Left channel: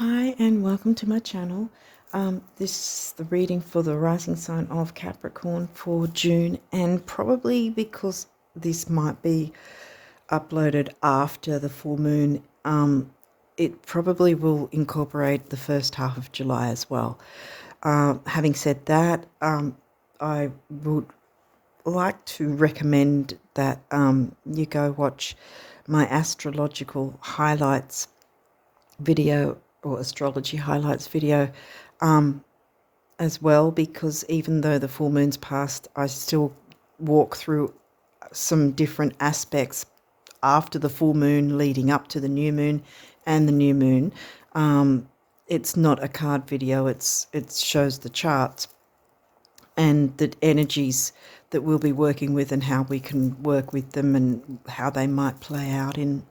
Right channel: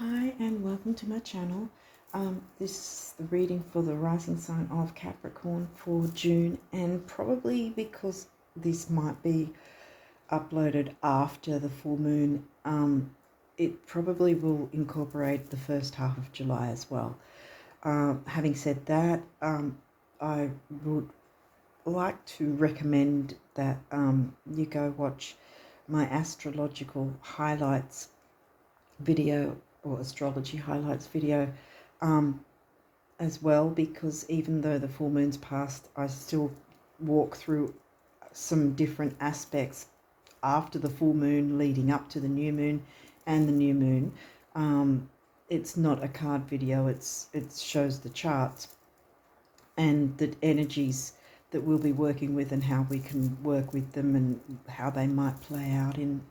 Hi and welcome to my channel. This is the reading for the rising sign of Capricorn for June, and probably because this might be uploaded after the full moon, it probably will incorporate the first half of July as well. Having said that, I would like to recommend that you go watch my astrological highlights video or astrology highlights video as well, because even though the full moon's passed, I still walk through some different aspects after the full moon leading up to the new moon and the new moon. It's not a card video, it shows the charts and the energies that we'll be working with and how we can work with them and how they might play out in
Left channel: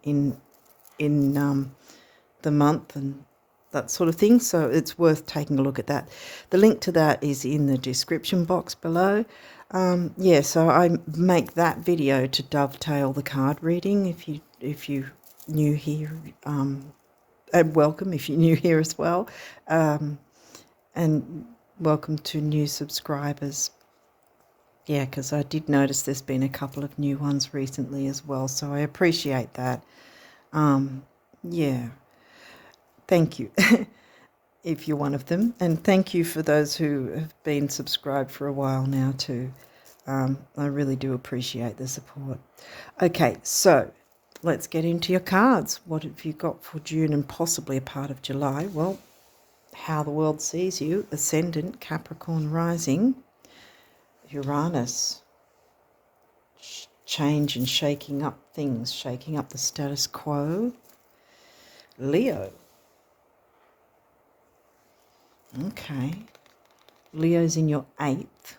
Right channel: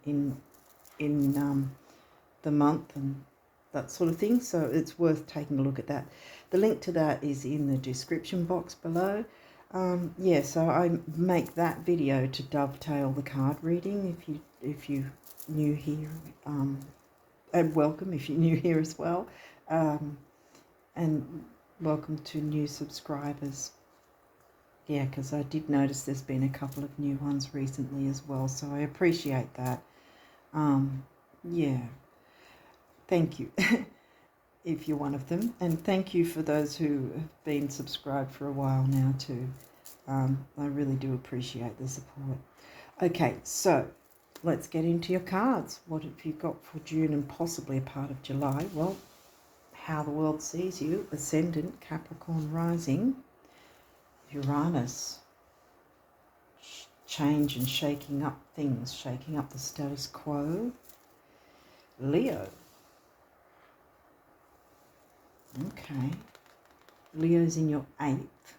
the month and that sort of thing. So it's worth taking a look at that. The link to that is in the description box below. So I make that video to dovetail the card reading. If you new here, and welcome if you're new here as well, and welcome to new subscribers. Yeah, because I did notice there's been a couple of new ones recently as well, so I appreciate that. Yeah. Thank you if you're one of them, and thank you for those who have been subscribed for a while now too. I really do appreciate the support. Okay, so let's get into your cards. What have you got for June and possibly a part of July? Well, how the world sees you: Ascendant, Capricorn rising, Uranus, change and shaking up things, shaking up the status quo, Leo. Okay. Leo's in your 8th.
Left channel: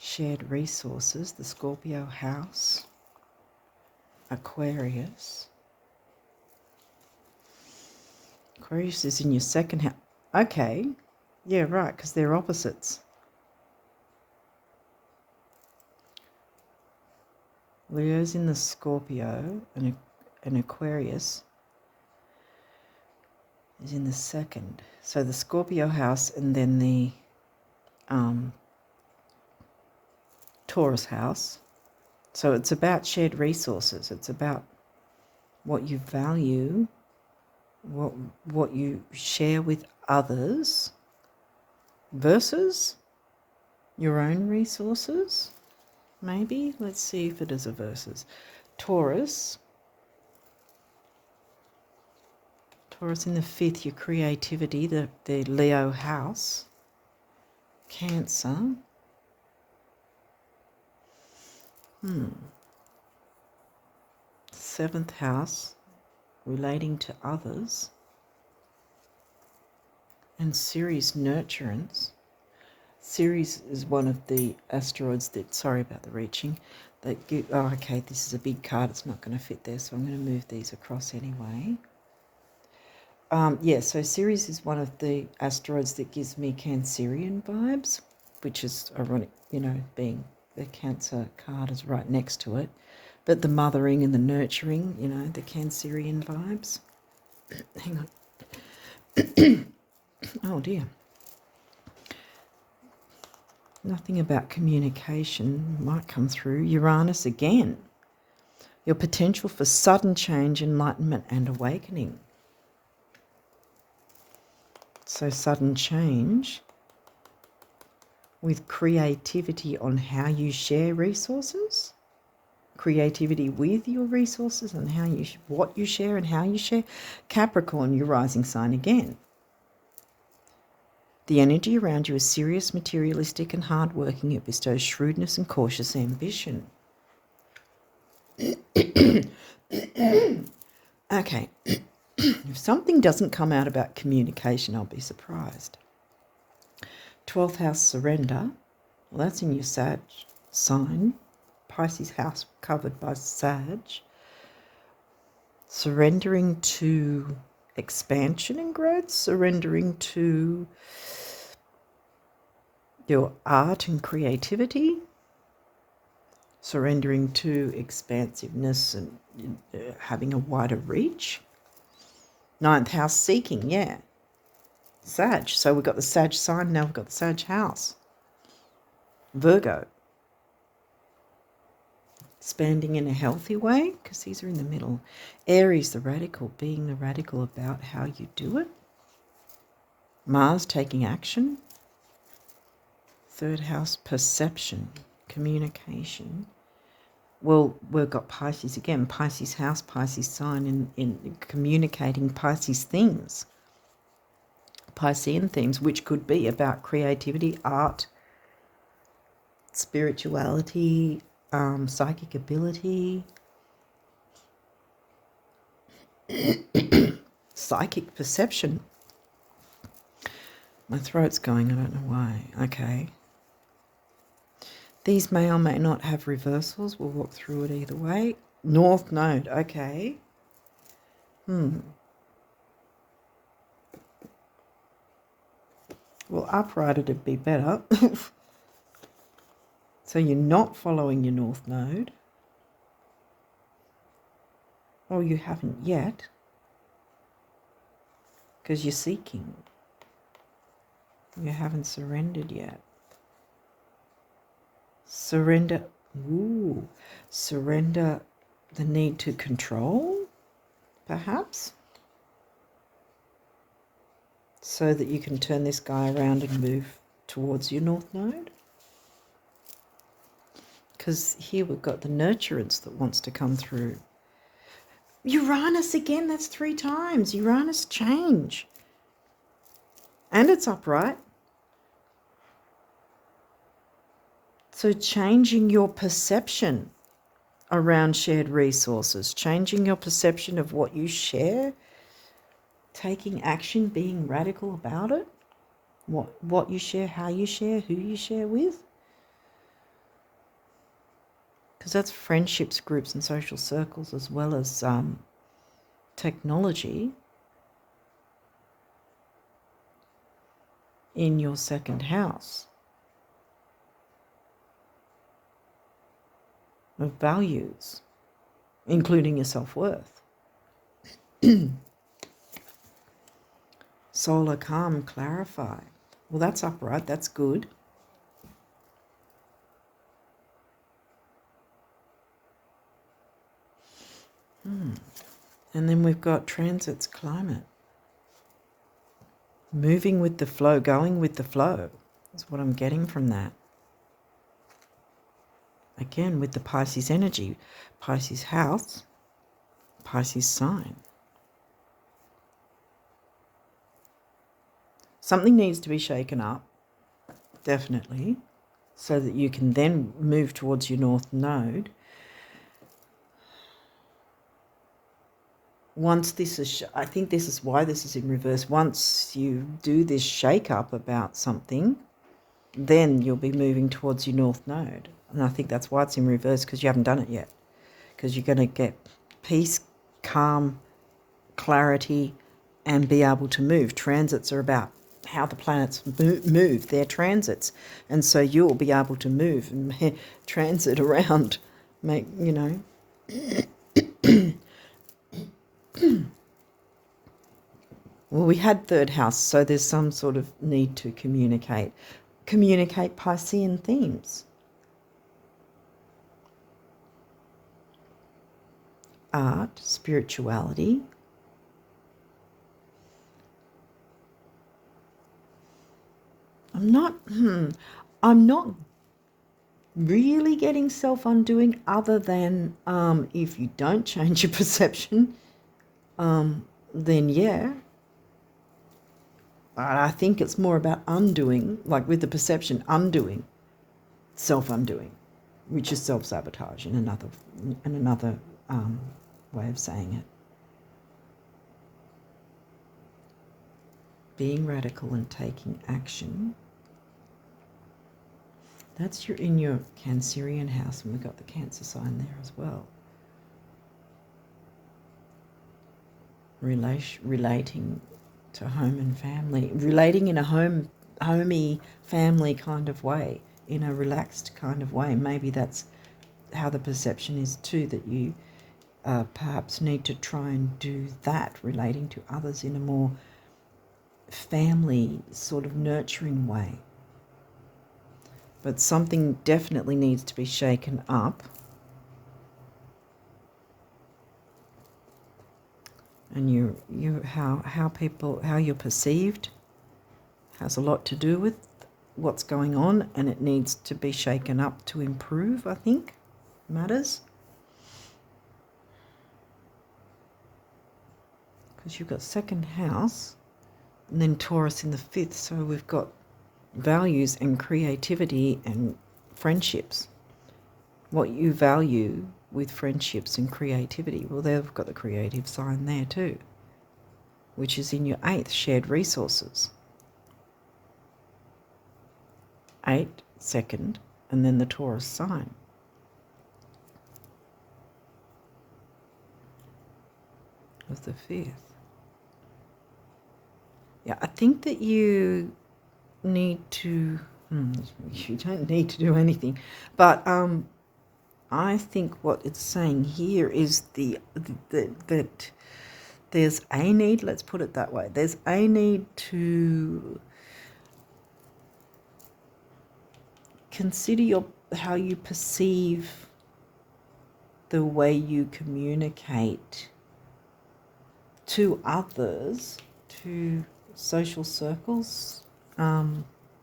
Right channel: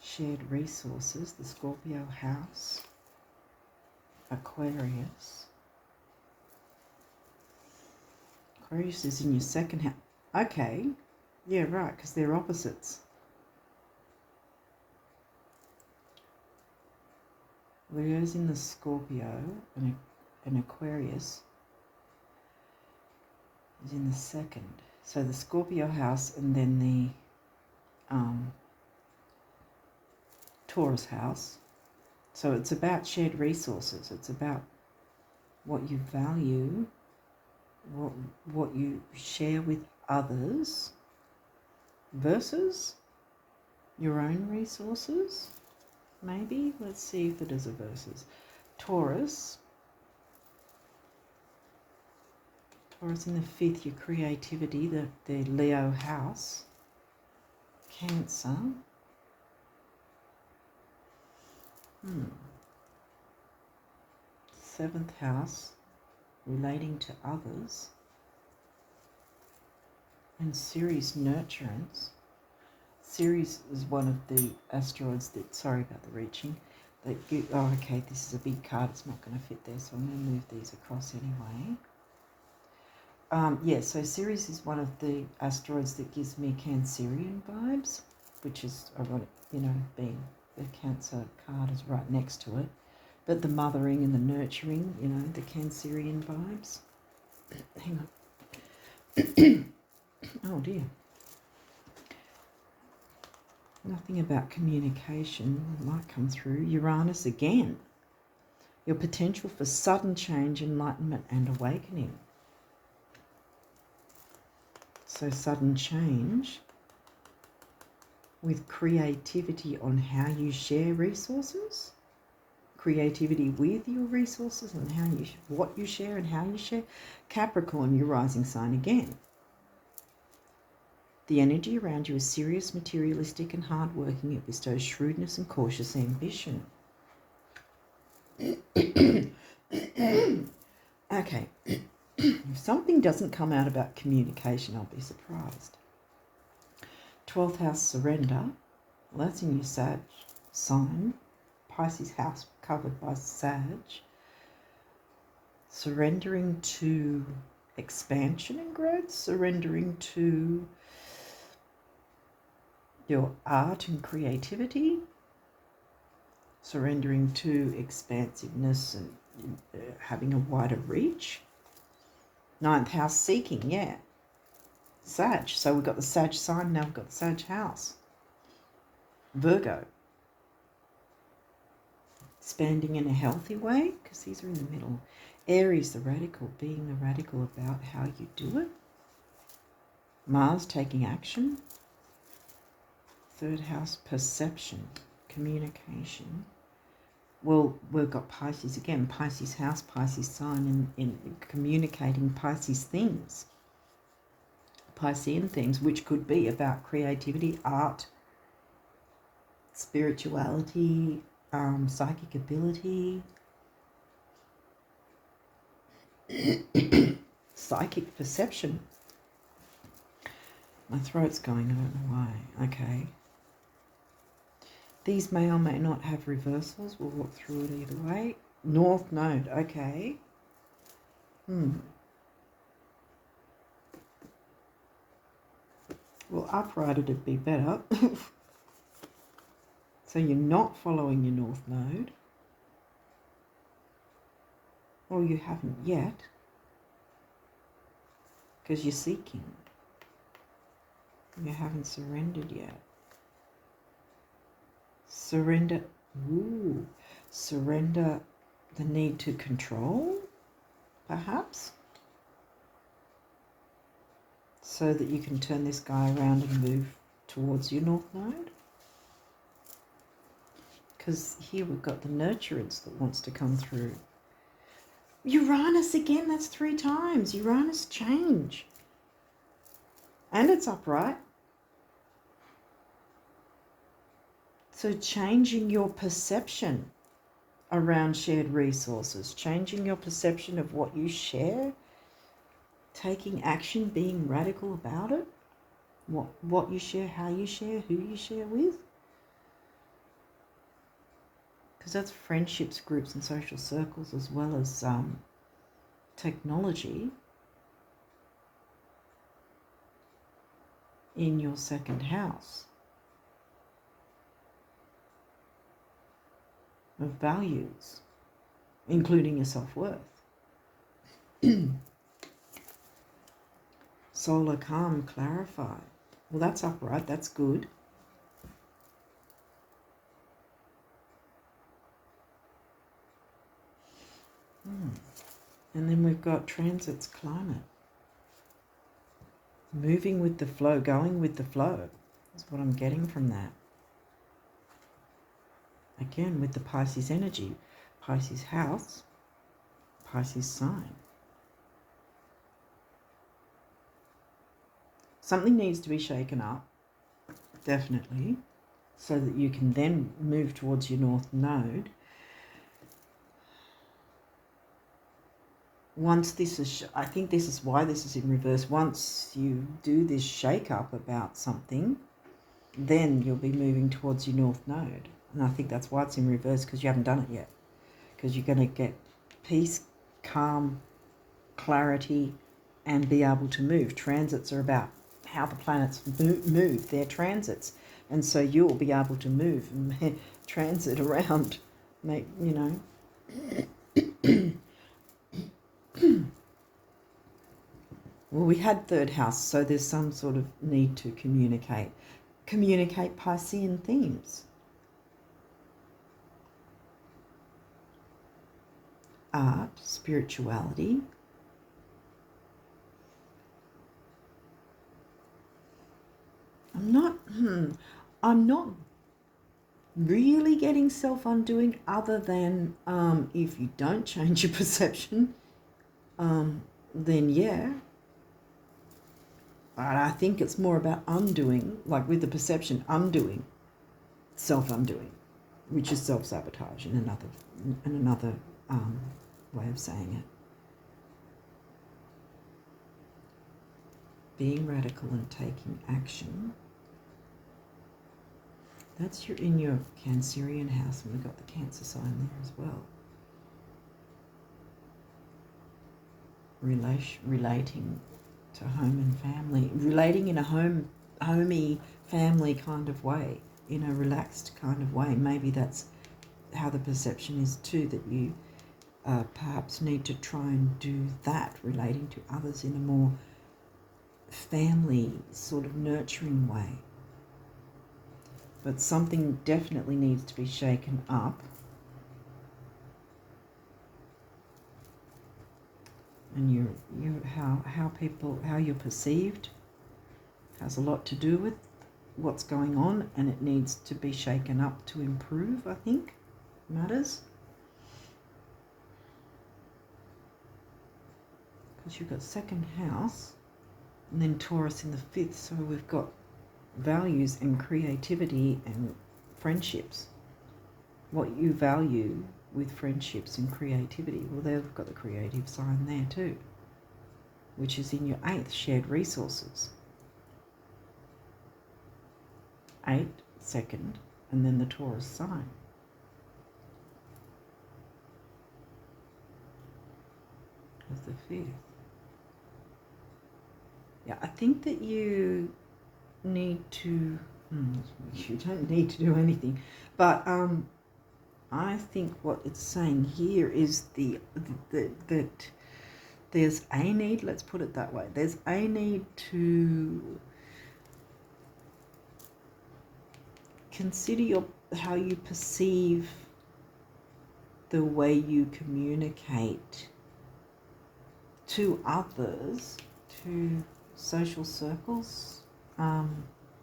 Shared resources, the Scorpio house. Aquarius. Aquarius is in your 2nd house. Okay. Yeah, right, because they're opposites. Leo's in the Scorpio and Aquarius is in the 2nd. So the Scorpio house and then the Taurus house. So it's about shared resources. It's about what you value, what you share with others versus your own resources. Maybe. Let's see if it is a versus. Taurus in the 5th, your creativity, the Leo house. Cancer. 7th house, relating to others. And Ceres, nurturance. Ceres is one of the asteroids that, sorry about the reaching, that you, oh, okay, this is a big card, it's not going to fit there, so I'm going to move these across anyway. So Ceres is one of the asteroids that gives me Cancerian vibes, which is ironic, being the Cancer card is right next to it. But the mothering and the nurturing, the Cancerian vibes. Hang on. Oh, dear. Nothing about communication might come through. Uranus again. Your potential for sudden change, enlightenment, and awakening. So sudden change with creativity on how you share resources, creativity with your resources and what you share and how you share. Capricorn, your rising sign again. The energy around you is serious, materialistic, and hardworking. It bestows shrewdness and cautious ambition. Okay. If something doesn't come out about communication, I'll be surprised. 12th house, surrender. Well, that's in your Sag sign. Pisces house covered by Sag. Surrendering to expansion and growth. Surrendering to your art and creativity. Surrendering to expansiveness and having a wider reach. Ninth house seeking, yeah. Sag. So we've got the Sag sign, now we've got the Sag house. Virgo. Expanding in a healthy way, because these are in the middle. Aries, the radical, being the radical about how you do it. Mars, taking action. Third house, perception, communication. Well, we've got Pisces again, Pisces house, Pisces sign in communicating Pisces themes. Piscean themes, which could be about creativity, art, spirituality, psychic ability, psychic perception. My throat's going, I don't know why. Okay. These may or may not have reversals. We'll walk through it either way. North node, okay. Well, upright it'd be better. So you're not following your north node. Or you haven't yet. Because you're seeking. You haven't surrendered yet. Surrender. Ooh. Surrender the need to control, perhaps. So that you can turn this guy around and move towards your north node. Because here we've got the nurturance that wants to come through. Uranus again, that's 3 times. Uranus change. And it's upright. So changing your perception around shared resources, changing your perception of what you share, taking action, being radical about it, what you share, how you share, who you share with. Because that's friendships, groups and social circles, as well as technology in your second house of values, including your self-worth. Solar calm, clarify. Well, that's upright, that's good. And then we've got transits, climate. Moving with the flow, going with the flow. That's what I'm getting from that. Again, with the Pisces energy, Pisces house, Pisces sign. Something needs to be shaken up, definitely, so that you can then move towards your north node. Once this is, I think this is why this is in reverse. Once you do this shake up about something, then you'll be moving towards your north node. And I think that's why it's in reverse, because you haven't done it yet. Because you're going to get peace, calm, clarity, and be able to move. Transits are about how the planets move, their transits. And so you'll be able to move and transit around, make, you know. Well, we had third house, so there's some sort of need to communicate. Communicate Piscean themes. Art, spirituality. I'm not really getting self-undoing, other than if you don't change your perception, then yeah. I think it's more about undoing, like with the perception, undoing, self-undoing, which is self-sabotage in another way of saying it. Being radical and taking action. That's in your Cancerian house, and we've got the Cancer sign there as well. Relating to home and family, relating in a homey family kind of way, in a relaxed kind of way. Maybe that's how the perception is too, that you perhaps need to try and do that, relating to others in a more family sort of nurturing way. But something definitely needs to be shaken up. And how you're perceived has a lot to do with what's going on, and it needs to be shaken up to improve, I think, matters. Because you've got second house and then Taurus in the fifth, so we've got values and creativity and friendships. What you value with friendships and creativity, well, they've got the creative sign there too, which is in your 8th, shared resources. 8, second, and then the Taurus sign. Of the 5th. Yeah, I think that you need to, you don't need to do anything, but I think what it's saying here is that there's a need, let's put it that way, there's a need to consider how you perceive the way you communicate to others, to social circles,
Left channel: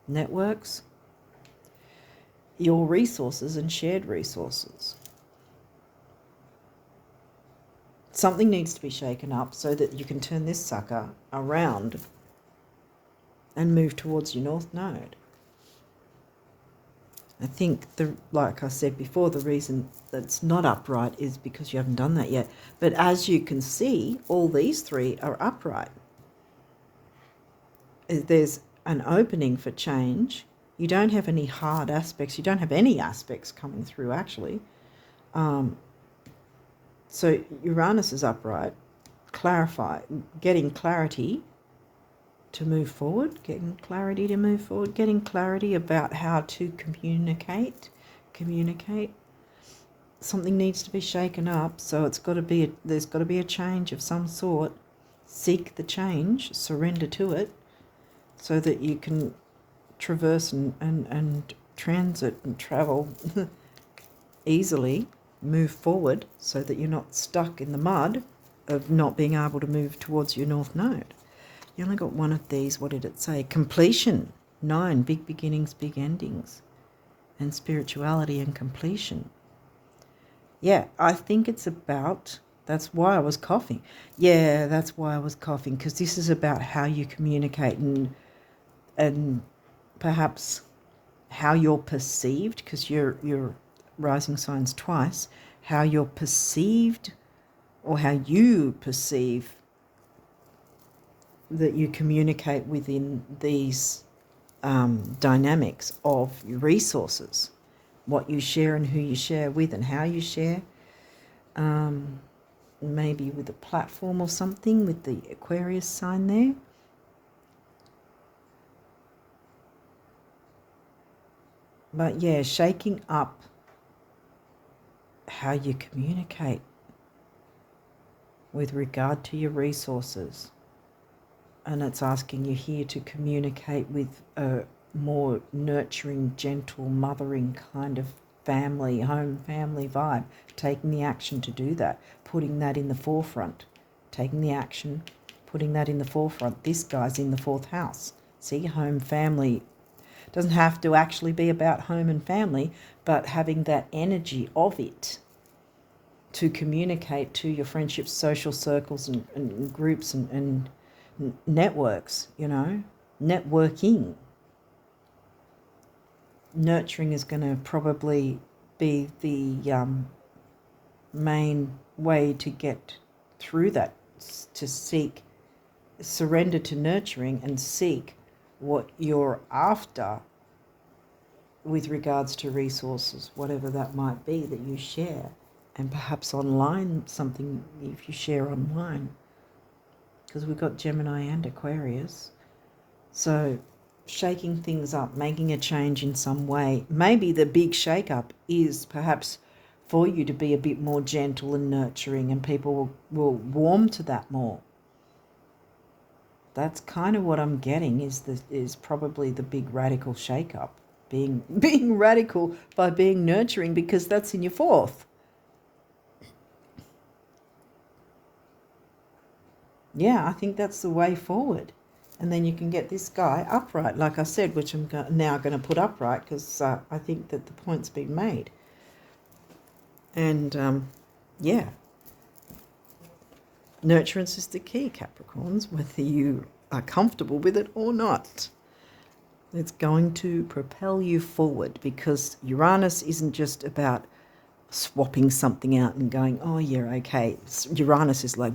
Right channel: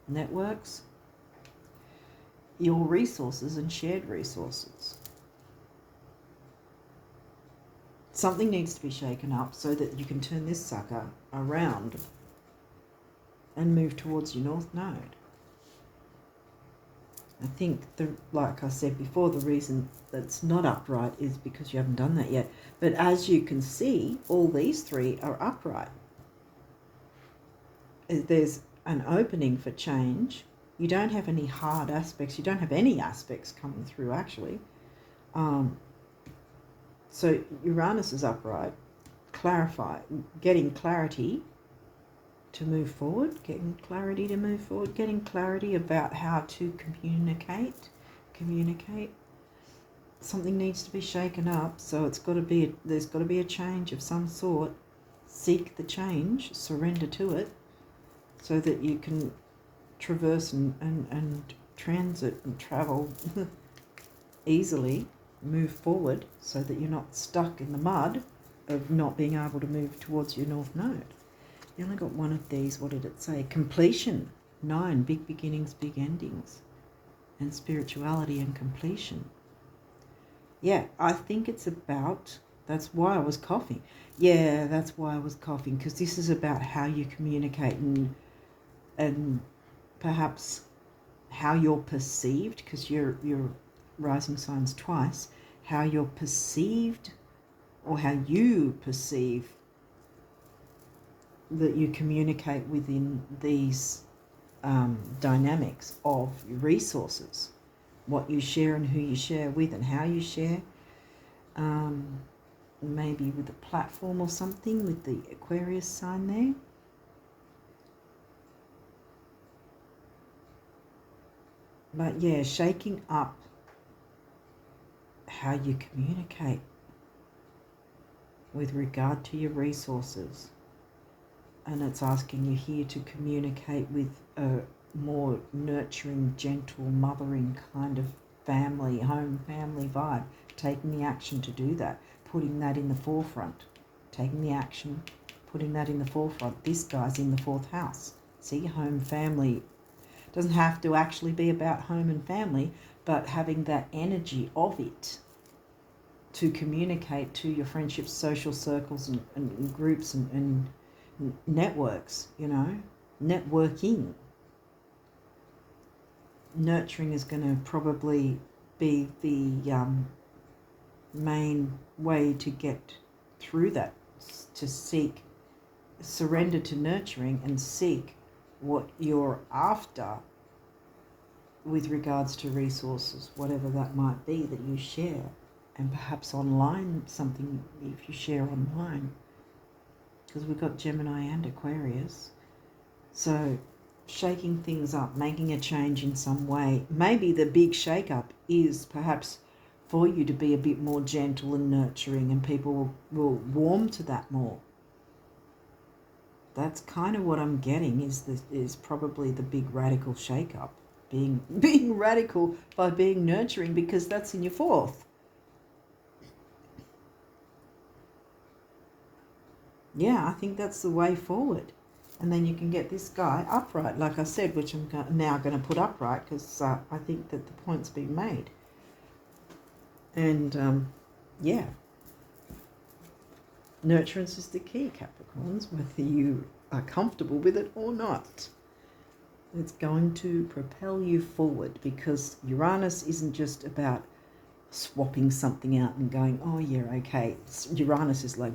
networks, your resources and shared resources. Something needs to be shaken up so that you can turn this sucker around and move towards your North Node. I think, like I said before, the reason that's not upright is because you haven't done that yet. But as you can see, all these 3 are upright. There's an opening for change. You don't have any hard aspects. You don't have any aspects coming through, actually. So Uranus is upright. Clarify, getting clarity to move forward, getting clarity about how to communicate. Something needs to be shaken up, so there's got to be a change of some sort. Seek the change, surrender to it, so that you can traverse and transit and travel easily, move forward, so that you're not stuck in the mud of not being able to move towards your North Node. You only got one of these. What did it say? Completion. 9, big beginnings, big endings. And spirituality and completion. Yeah, I think it's about, that's why I was coughing. Yeah, that's why I was coughing, because this is about how you communicate and perhaps how you're perceived, because you're rising signs twice, how you're perceived or how you perceive that you communicate within these dynamics of your resources, what you share and who you share with and how you share, maybe with a platform or something with the Aquarius sign there. But yeah, shaking up how you communicate with regard to your resources. And it's asking you here to communicate with a more nurturing, gentle, mothering kind of family, home family vibe. Taking the action to do that, putting that in the forefront. Taking the action, putting that in the forefront. This guy's in the 4th house. See, home family. Doesn't have to actually be about home and family, but having that energy of it to communicate to your friendships, social circles and groups and networks, networking. Nurturing is going to probably be the main way to get through that, to surrender to nurturing and seek what you're after with regards to resources, whatever that might be that you share. And perhaps online, something if you share online, because we've got Gemini and Aquarius. So shaking things up, making a change in some way. Maybe the big shake-up is perhaps for you to be a bit more gentle and nurturing, and people will warm to that more. That's kind of what I'm getting, is probably the big radical shake-up. Being radical by being nurturing, because that's in your fourth. Yeah, I think that's the way forward. And then you can get this guy upright, like I said, which I'm now going to put upright, because I think that the point's been made. And, yeah, nurturance is the key, Capricorns, whether you are comfortable with it or not. It's going to propel you forward, because Uranus isn't just about swapping something out and going, oh, yeah, okay. Uranus is like,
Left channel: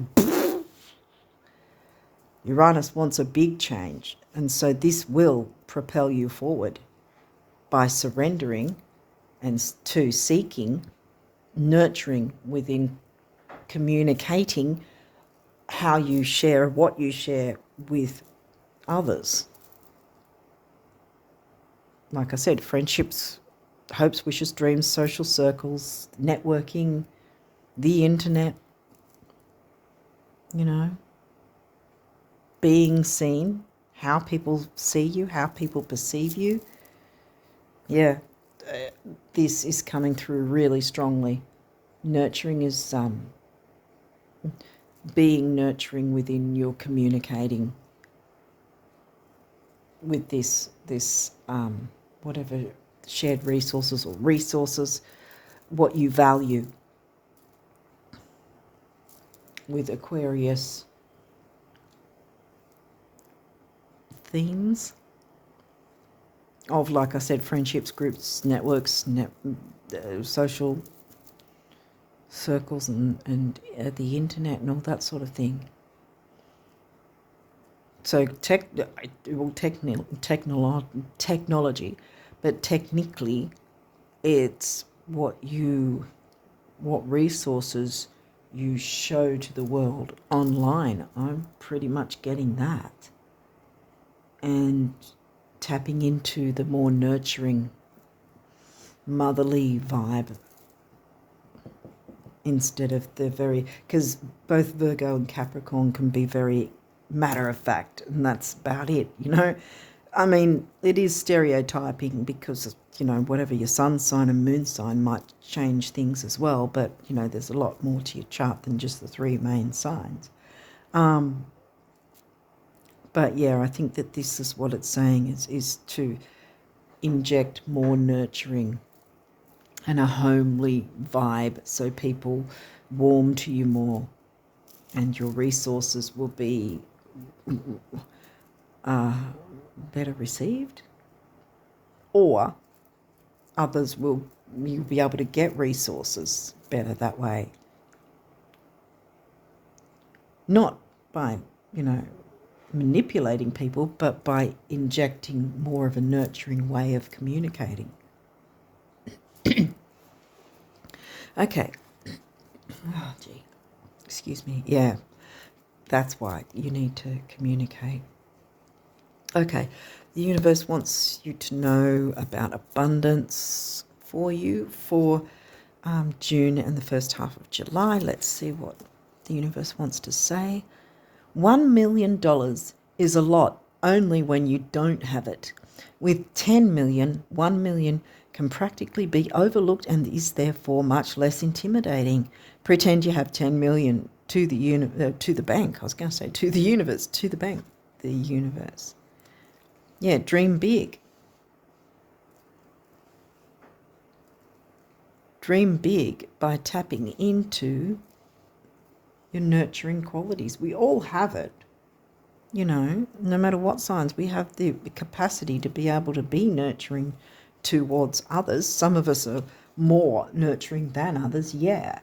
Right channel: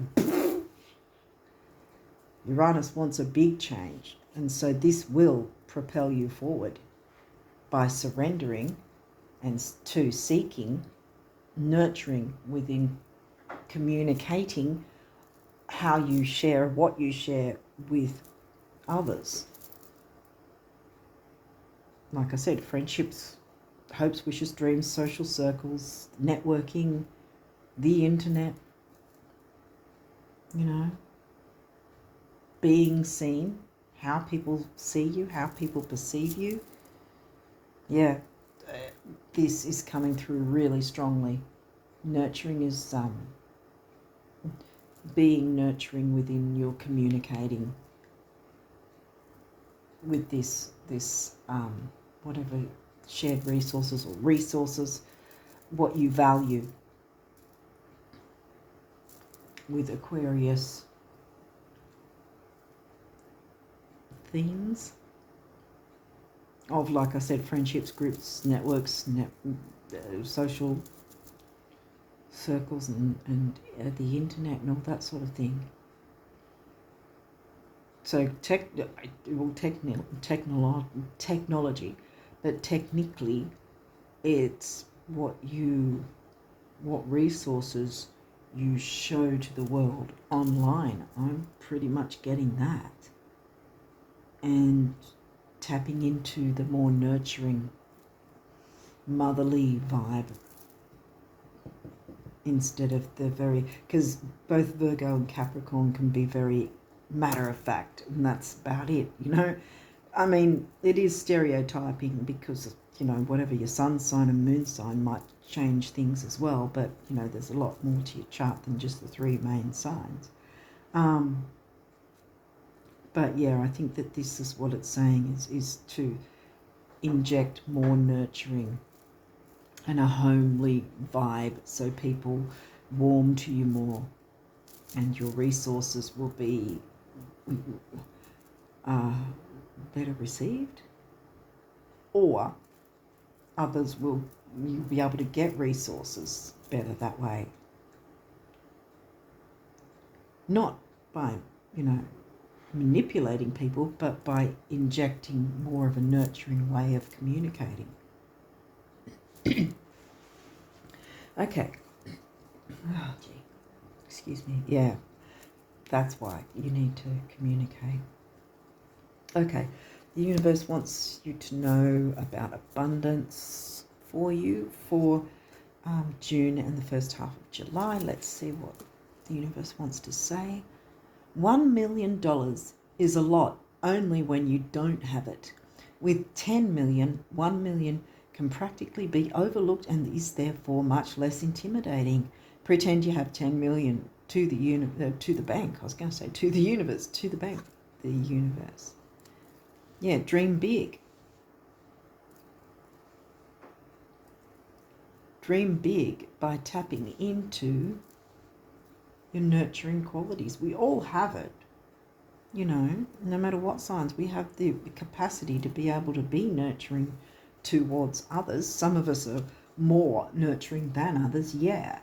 Uranus wants a big change. And so this will propel you forward by surrendering and to seeking, nurturing within, communicating how you share, what you share with others. Like I said, friendships, hopes, wishes, dreams, social circles, networking, the internet, you know, being seen, how people see you, how people perceive you. Yeah, this is coming through really strongly. Nurturing is being nurturing within your communicating with this whatever, shared resources or resources, what you value. With Aquarius themes of, like I said, friendships, groups, networks, social circles, and the internet and all that sort of thing. So technology, but technically it's what resources you show to the world online. I'm pretty much getting that. And tapping into the more nurturing, motherly vibe instead of the very, because both Virgo and Capricorn can be very matter of fact, and that's about it, you know. I mean, it is stereotyping, because, you know, whatever your sun sign and moon sign might change things as well, but, you know, there's a lot more to your chart than just the three main signs. But yeah, I think that this is what it's saying, is to inject more nurturing and a homely vibe, so people warm to you more, and your resources will be better received, or others will, you'll be able to get resources better that way. Not by, you know, manipulating people, but by injecting more of a nurturing way of communicating. Okay. Oh, gee. Excuse me. Yeah, that's why you need to communicate. Okay. The universe wants you to know about abundance for you for June and the first half of July. Let's see what the universe wants to say. $1 million is a lot only when you don't have it. With 10 million, 1 million can practically be overlooked and is therefore much less intimidating. Pretend you have 10 million to the bank. I was going to say to the universe, to the bank, the universe. Yeah, dream big. Dream big by tapping into your nurturing qualities. We all have it, you know, no matter what signs. We have the capacity to be able to be nurturing towards others. Some of us are more nurturing than others, yeah.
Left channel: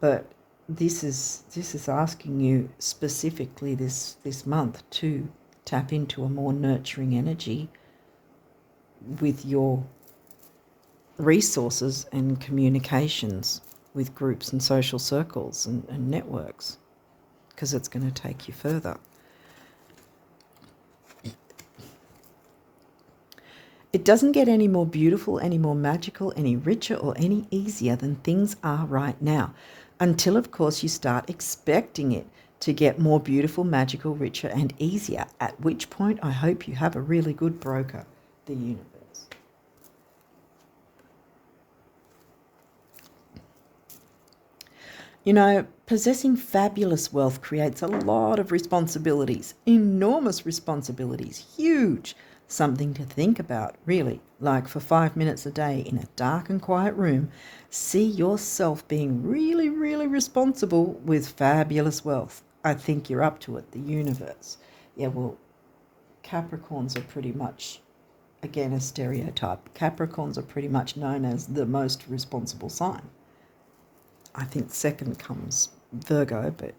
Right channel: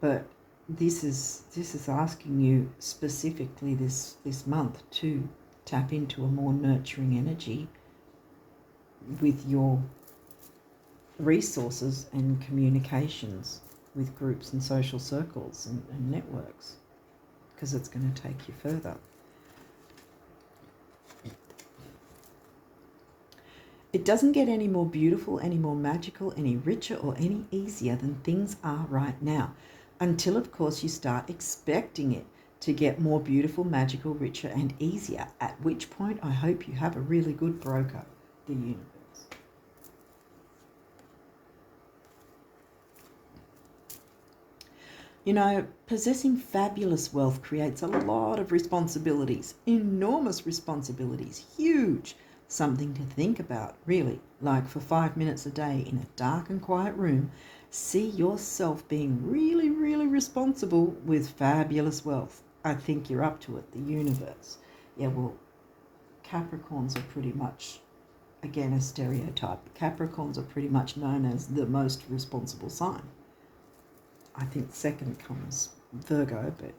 But this is asking you specifically this month to tap into a more nurturing energy with your resources and communications with groups and social circles and networks, because it's going to take you further. It doesn't get any more beautiful, any more magical, any richer, or any easier than things are right now. Until, of course, you start expecting it to get more beautiful, magical, richer, and easier, at which point I hope you have a really good broker, the universe. You know, possessing fabulous wealth creates a lot of responsibilities, enormous responsibilities, huge. Something to think about, really. Like for 5 minutes a day in a dark and quiet room, see yourself being really, really responsible with fabulous wealth. I think you're up to it, the universe. Yeah, well, Capricorns are pretty much, again, a stereotype. Capricorns are pretty much known as the most responsible sign. I think second comes Virgo, but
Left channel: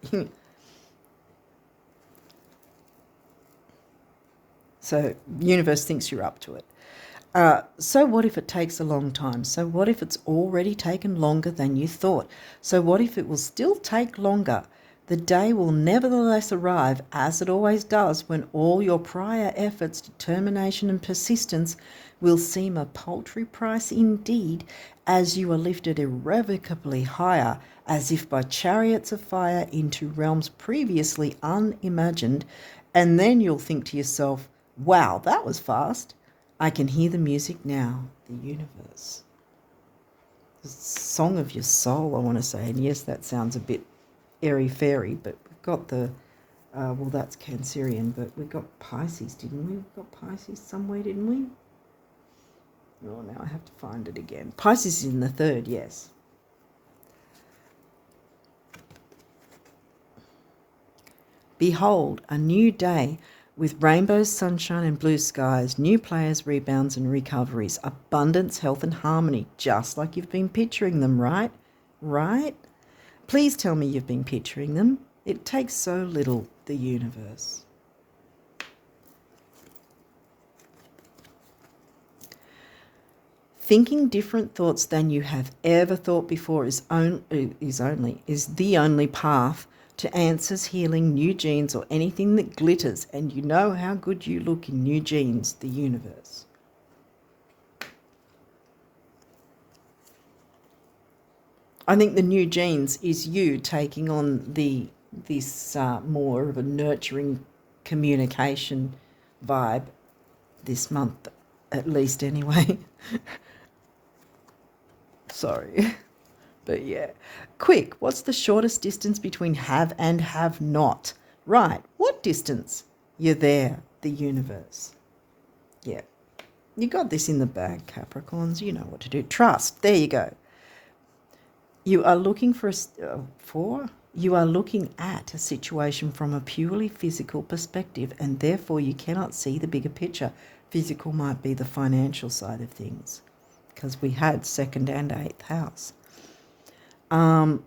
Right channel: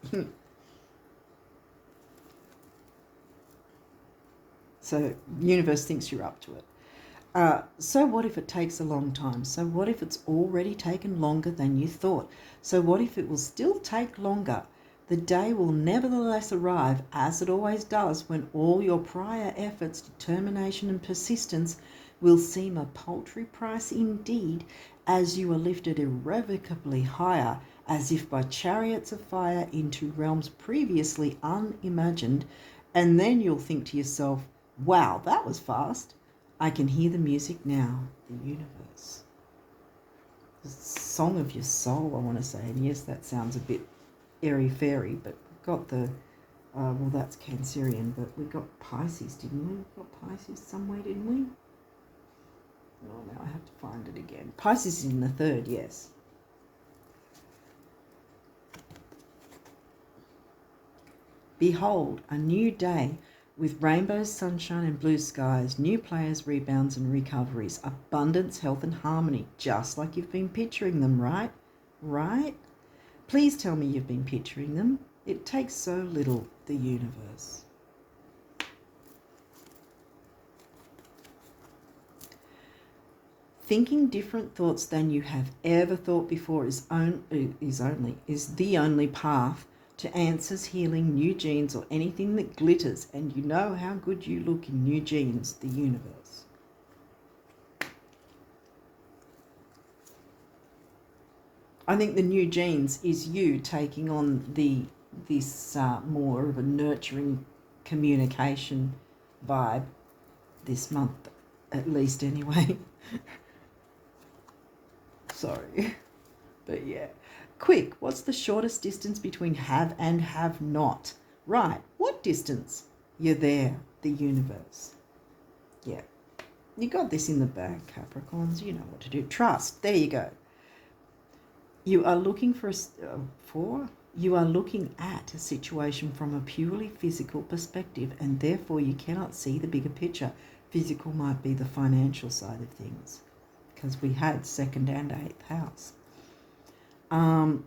so universe thinks you're up to it. So what if it takes a long time? So what if it's already taken longer than you thought? So what if it will still take longer? The day will nevertheless arrive, as it always does, when all your prior efforts, determination and persistence will seem a paltry price indeed, as you are lifted irrevocably higher, as if by chariots of fire into realms previously unimagined, and then you'll think to yourself, wow, that was fast. I can hear the music now, the universe. The song of your soul, I want to say, and yes, that sounds a bit airy-fairy, but we've got the, well, that's Cancerian, but we got Pisces, didn't we? We got Pisces somewhere, didn't we? Oh, now I have to find it again. Pisces is in the third, yes. Behold, a new day with rainbows, sunshine and blue skies, new players, rebounds and recoveries, abundance, health and harmony, just like you've been picturing them, right? Right? Please tell me you've been picturing them. It takes so little, the universe. Thinking different thoughts than you have ever thought before is the only path to answers, healing, new genes, or anything that glitters, and you know how good you look in new genes, the universe. I think the new genes is you taking on this more of a nurturing communication vibe this month, at least anyway. Sorry. But yeah. Quick, what's the shortest distance between have and have not? Right. What distance? You're there, the universe. Yeah. You got this in the bag, Capricorns. You know what to do. Trust. There you go. You are looking you are looking at a situation from a purely physical perspective, and therefore you cannot see the bigger picture. Physical might be the financial side of things, because we had second and eighth house. And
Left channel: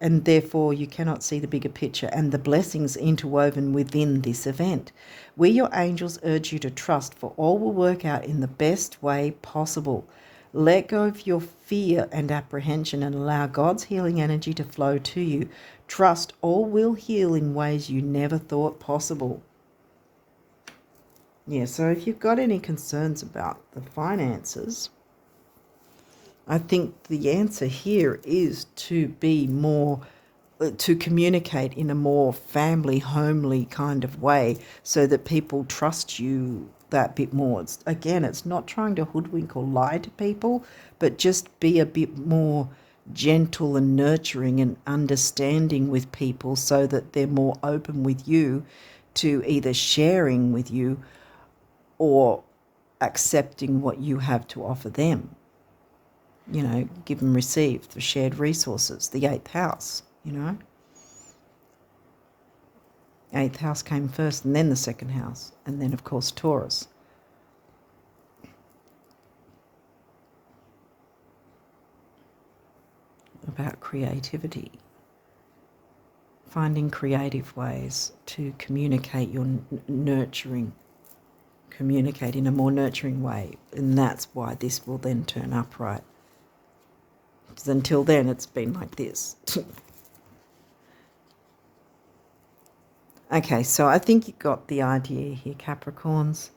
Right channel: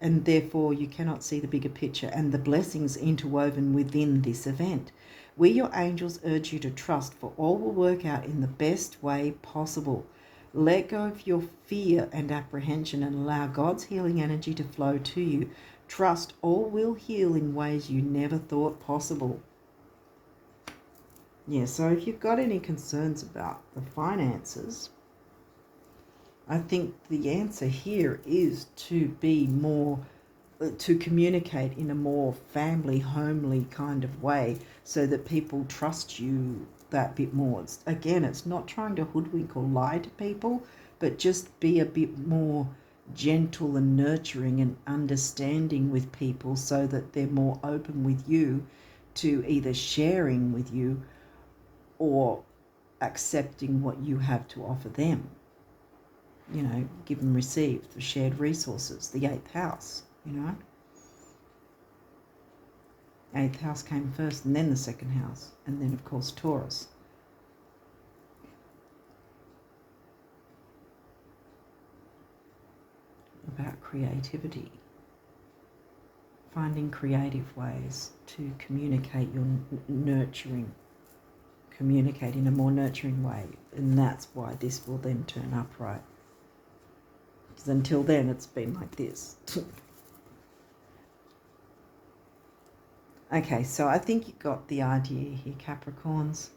therefore you cannot see the bigger picture and the blessings interwoven within this event. We, your angels, urge you to trust, for all will work out in the best way possible. Let go of your fear and apprehension and allow God's healing energy to flow to you. Trust all will heal in ways you never thought possible. Yeah, so if you've got any concerns about the finances, I think the answer here is to be more, to communicate in a more family, homely kind of way so that people trust you that bit more. It's not trying to hoodwink or lie to people, but just be a bit more gentle and nurturing and understanding with people so that they're more open with you to either sharing with you or accepting what you have to offer them. You know, give and receive, the shared resources, the eighth house, you know. Eighth house came first and then the second house, and then, of course, Taurus. About creativity. Finding creative ways to communicate your nurturing, communicate in a more nurturing way, and that's why this will then turn upright. Because until then, it's been like this. Okay, so I think you got the idea here, Capricorns.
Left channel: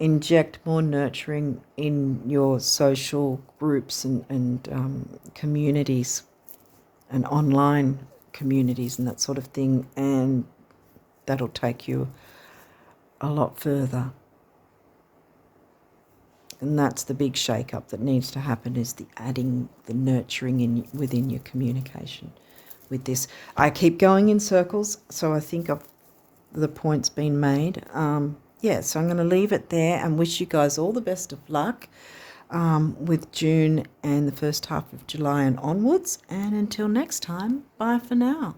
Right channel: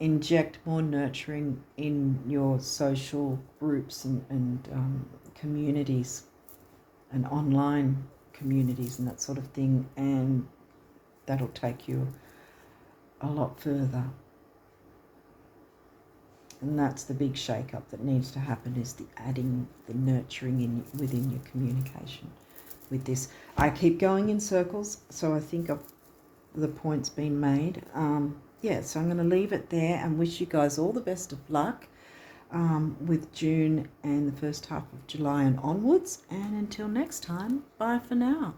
inject more nurturing in your social groups and communities and online communities and that sort of thing, and that'll take you a lot further. And that's the big shake-up that needs to happen, is the adding the nurturing within your communication with this. I keep going in circles, so I think the point's been made. Yeah, so I'm going to leave it there and wish you guys all the best of luck with June and the first half of July and onwards. And until next time, bye for now.